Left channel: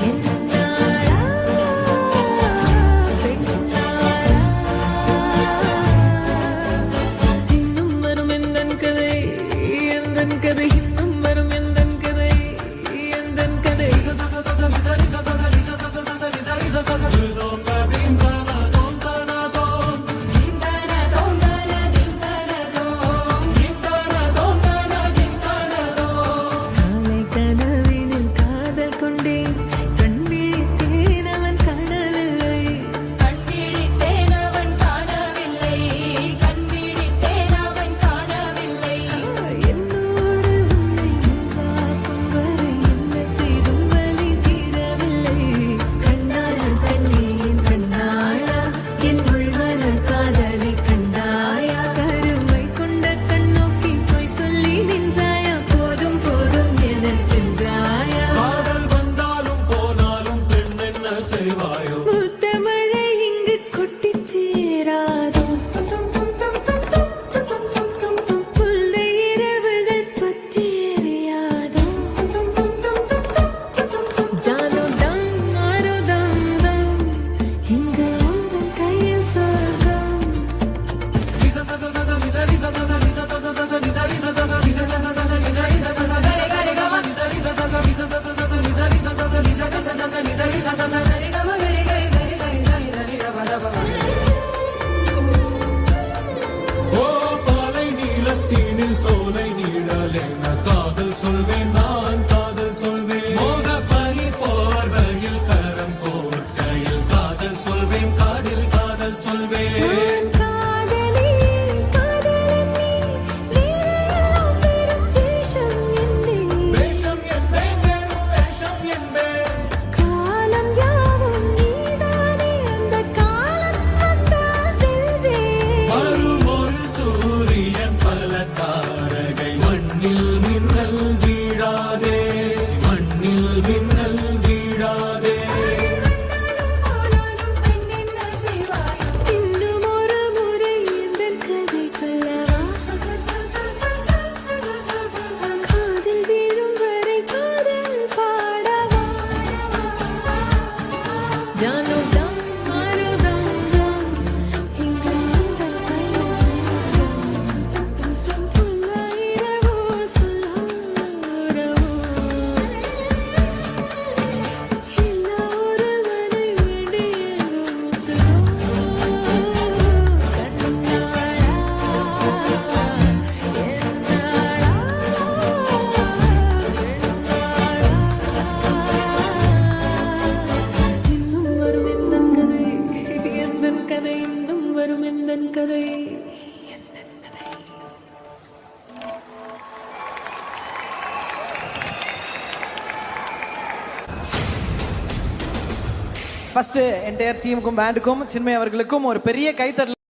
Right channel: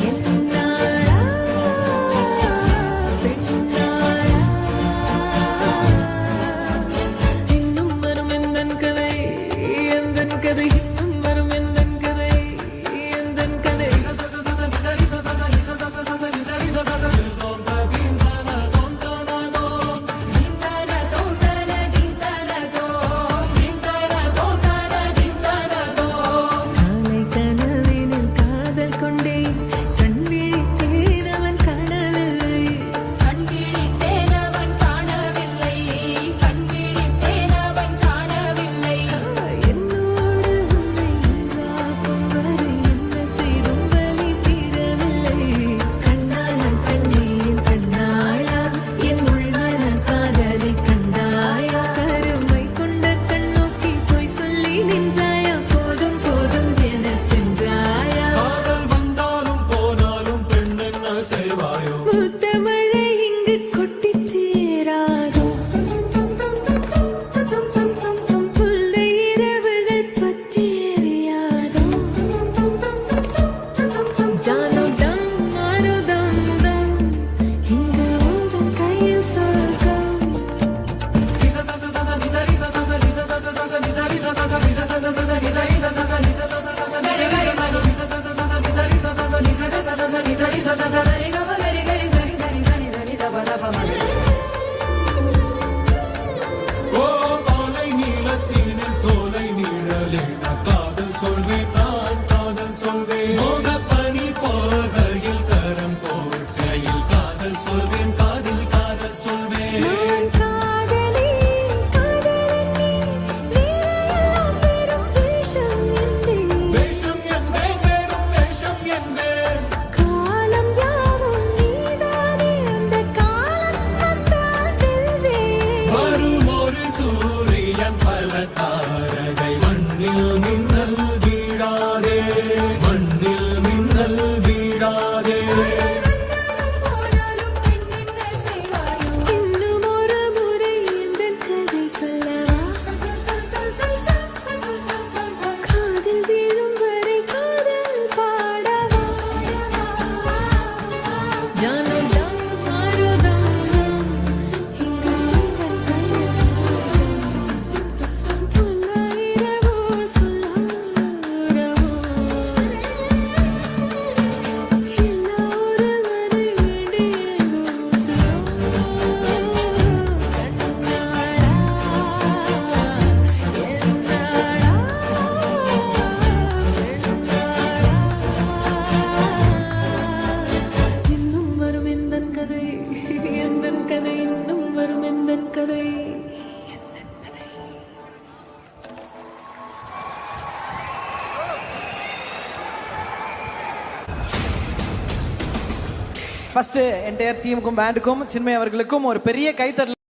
என்னாளா பெண்ணாளா இன்னும் வரும் எந்தன் கதை எந்தன் கதை இன்னும் வரும் எந்தன் கதை எந்தன் கதை கனவினில் காதல் கொண்டேன் கண் விழித்தேன் அவன் காணவில்லை கண் விழித்தேன் அவன் காணவில்லை கண் விழித்தேன் அவன் காணவில்லை என்னோடு உன்னை ஒன்றாக்கும் வரை என்ன செய்தும் வலி தீரவில்லை கண்ணான கண்ணேன் கண்ணாளா என் உள்மன காதலை கண்டாயா கருமை கொண்ட கண்ணோக்கி போய் சொல்லி நின்றாயா போதும் போதும் என சென்றாயா காதல் வந்தாலும் போனாலும் பெண் என்ன செய்வாயோ முத்தமழை இங்கு கொட்டி சேராதோ முல்லை இரவுகள் பத்தி எறியாதோ ஜானோ தம் மாரோ தம் தம் இங்கு உந்தன் கையில் சொர்க்கம் ஓ பாலை நீலத்தீனில் சோலை நீழலேன காதல் சொல்வேன் நான் காதல் சொல்வேன் மோக பனி போர்வையில் கரம் கோர்க்கையில் காதல் சொல்வேன் காதில் காதல் சொல்வேன் நான் காதலி காதலன் நீ வேலையெல்லாம் வெறும் வேஷம் என்பேன் வேஷம் என்பேன் வேறும் வேஷம் என்பேன் காலம் யாவும் நீதானே அந்த காலம் வந்தால் செல்வேன் வரும் ஒரு சூரியன் பல தாரகை மண்ணில் மின்னல் வீழாதே மண்ணில் மின்னல் வீழாதே போனாலும் பெண் என்ன செய்வாயோ இன்னும் ஒரு முறை எந்தன் கதை சொல்லவா காதில் வீழும் வரை காதல் பாடவா ஜானோ தம் மாரோ தம் தம் இங்கு உந்தன் கையில் சொர்க்கம் புல்ல இரவோ சொல்லாரவோ இல்ல ஒருவரை வேண்டி எங்கும் கண்ணாளா என்னாளா பெண்ணாளா இன்னும் வரும் எந்தன் கதை எந்தன் கதை இன்னும் வரும் எந்தன் கதை எந்தன் கதை ஃபர்ஸ்ட் என்டையர் டீமுக்கும் பேண்டுக்கும் சின்மய் அவர்களுக்கும் ஒரு பெரிய கைத்தட்டல்.